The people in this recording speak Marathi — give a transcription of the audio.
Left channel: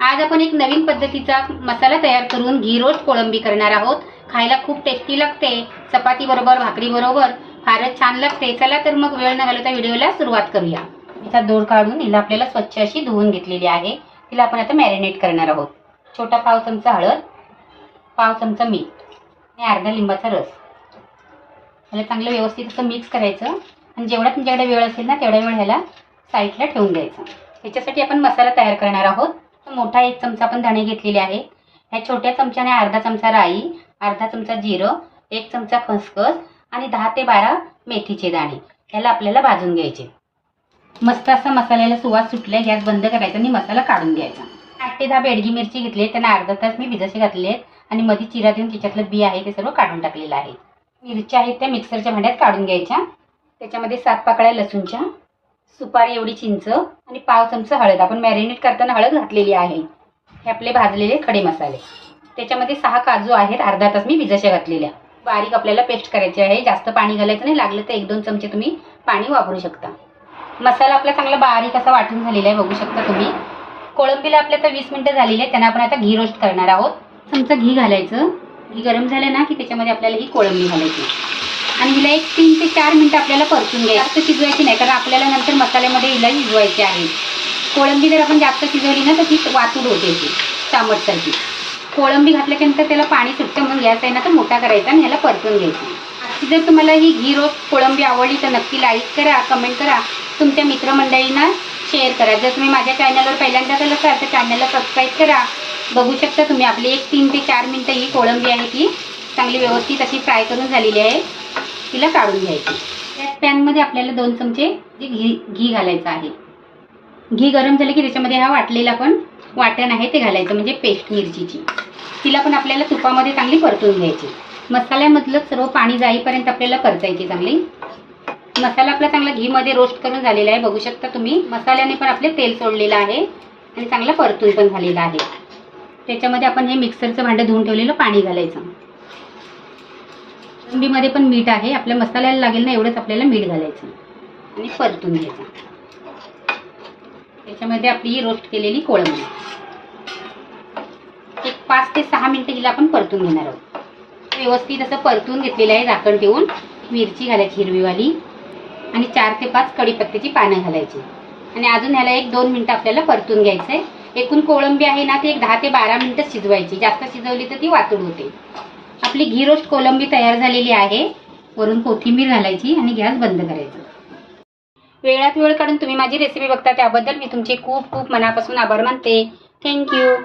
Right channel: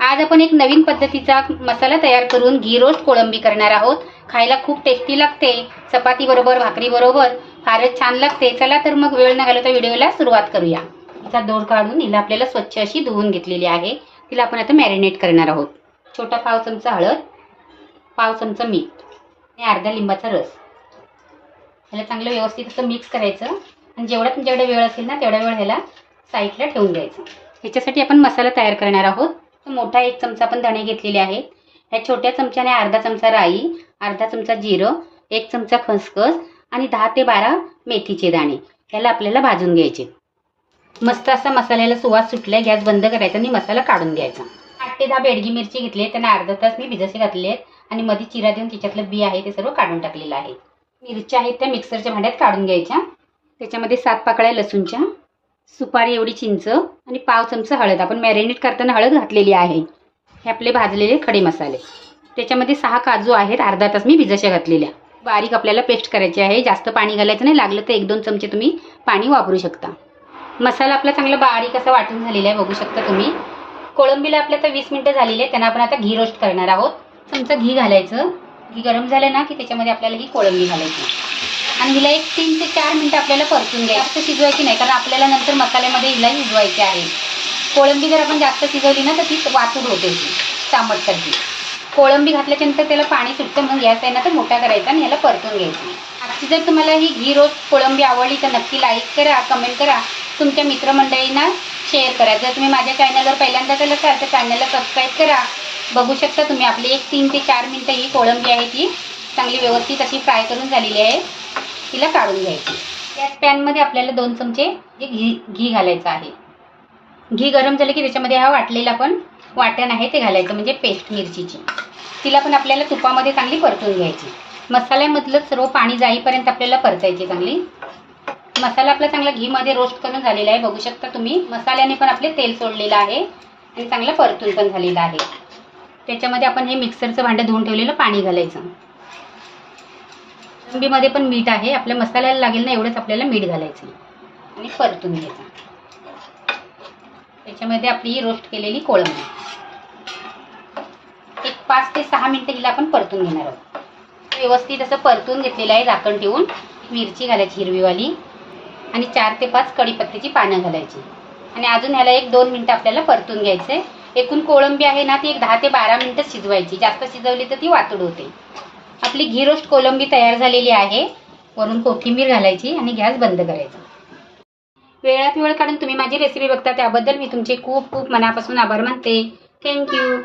आज आपण एक नवीन पद्धतीचा मसाला तयार करून घी रोस्ट कोळंबी करणार आहोत. खायला खूप टेस्टी लागते. चपाती बरोबर भाकरी बरोबर फारच छान लागते. चला तर मग वेळ न घालवता व्हिडिओला सुरुवात करूया. हिचा दोड काढून हिला आपल्याला स्वच्छ अशी धुवून घेतलेली आहे. तिला आपण आता मॅरिनेट करणार आहोत. छोटा पाव चमचा हळद पाव चमचा मीठ आणि अर्धा लिंबाचा रस. ह्याला चांगलं व्यवस्थित असं मिक्स करायचं. आणि जेवढा तुमच्याकडे वेळ असेल ना तेवढा वेळ ह्याला साईडला ठेवून द्यायचं. ह्याच्यासाठी आपण मसाला तयार करणार आहोत. मोठा एक चमचा आपण धणे घेतलेले आहेत. ह्या छोट्या चमच्याने अर्धा चमचा राई अर्धा चमचा जिरं एक चमचा खसखस आणि दहा ते बारा मेथीचे दाणे. ह्याला आपल्याला भाजून घ्यायचे. मस्त असा मसाल्याला सुवास सुटलाय गॅस बंद करायचा आणि मसाला काढून घ्यायचा. आठ ते दहा बेडगी मिरची घेतली त्यांना अर्धा तास मी भिजसे घातले आहेत आणि मध्ये चिरा देऊन त्याच्यातलं बी आहे ते सर्व काढून टाकलेलं आहे. मिरच्या आहेत त्या मिक्सरच्या भांड्यात काढून घ्यायच्या. त्याच्यामध्ये सात पाकळ्या लसूणच्या सुपारी एवढी चिंच आणि पाव चमचा हळद. आपण मॅरिनेट करताना हळद घातलेली आहे. हे आपले भाजलेले खडे मसाले. त्याच्यामध्ये सहा काजू आहेत. अर्धा तास मी भिजशा घातलेल्या. बारीक आपल्याला पेस्ट करायची आहे. जास्त पाणी घालायचं नाही. लागलं तर एक दोन चमचे तुम्ही पाणी वापरू शकता. मसाला आपला चांगला बारीक असा वाटून झालेला आहे. बघू शकता तुम्ही. कोळंबीला आपल्या आता वीस मिनिटं झालेली आहे त्यांना आपण आता घी रोस्ट करणार आहोत. चमचा घी घालायचं. घी गरम झालं ना की त्याच्यामध्ये आपल्याला ही कोळंबी घालायची. आणि हिला एक तीन ते चार मिनटं आपल्याला परतून घ्यायचं. जास्त शिजवायची नाही? कारण आपल्याला नंतर मसाल्यामध्ये हिला शिजवायची आहे. कोळंबी जर आपण जास्त शिजवली ना तर ती वातूड होते ती चामटसारखी. कोळंबी घातल्याच्यानंतर त्याला पाणी सुटतं मग गॅस आहे ना तर मोठा करायचा आणि ह्याला परतून घ्यायचं. आजची जर तुम्हाला ही घी रोज कोळंबी आवडली तर नक्की लाईक करा कमेंट करा. तुमच्या मित्रमंडळींना शेअर करा. जर तुम्ही माझ्या चॅनलवर पहिल्यांदा गेलं असाल तर चॅनलला सबस्क्राईब करा. बघू शकता तुम्ही आपली एक तीन ते चार मिनटं ही कोळंबी आहे ती चांगली व्यवस्थित अशी फ्राय करून झालेली आहे. तिला काढून घ्यायची. त्याच पॅनमध्ये आपल्याला दोन चमचे घी घी घालायचं आहे. घी गरम झालं की त्याच्यामध्ये हा वाटलेला पण वाटण आहे ते घालायचं म्हणजे पेस्ट मिरचीची. तिला पण आपल्याला तुपामध्ये चांगली परतून घ्यायची. मसाल्यामधलं सर्व पाणी जाईपर्यंत आपल्याला परतायची चांगली. मसाला आपला चांगला घीमध्ये रोस्ट करून झालेला आहे. बघू शकता तुम्ही. मसाल्याने पण आपले तेल सोडलेलं आहे आणि चांगलं परतून पण झालेलं आहे. त्याच्यामध्ये आपण हे मिक्सरचं भांडं धुवून ठेवलेलं पाणी घालायचं. कोळंबीमध्ये पण मीठ आहे. आपल्या मसाल्याला लागेल ना एवढंच आपल्याला मीठ घालायचं आणि परतून घ्यायचं त्याच्यामध्ये आपली ही रोस्ट केलेली कोळंबी. एक पाच ते सहा मिनिटं हिला आपण परतून घेणार आहोत. व्यवस्थित असं परतून घेतलेलं आहे झाकण ठेवून. मिरची घालायची हिरवीवाली. आणि चार ते पाच कढीपत्त्याची पानं घालायची. आणि अजून ह्याला एक दोन मिनिटं आपल्याला परतून घ्यायचंय. एकूण कोळंबी आहे ना ती एक दहा ते बारा मिनिटं शिजवायची. जास्त शिजवली तर ती वातुड होते. आपली घी रोस्ट कोलंबी तयार झालेली आहे. वरून कोथिंबीर घालायची आणि गॅस बंद करायचा. वेळात वेळ काढून तुम्ही माझी रेसिपी बघता त्याबद्दल मी तुमचे खूप खूप मनापासून आभार मानते. थँक्यू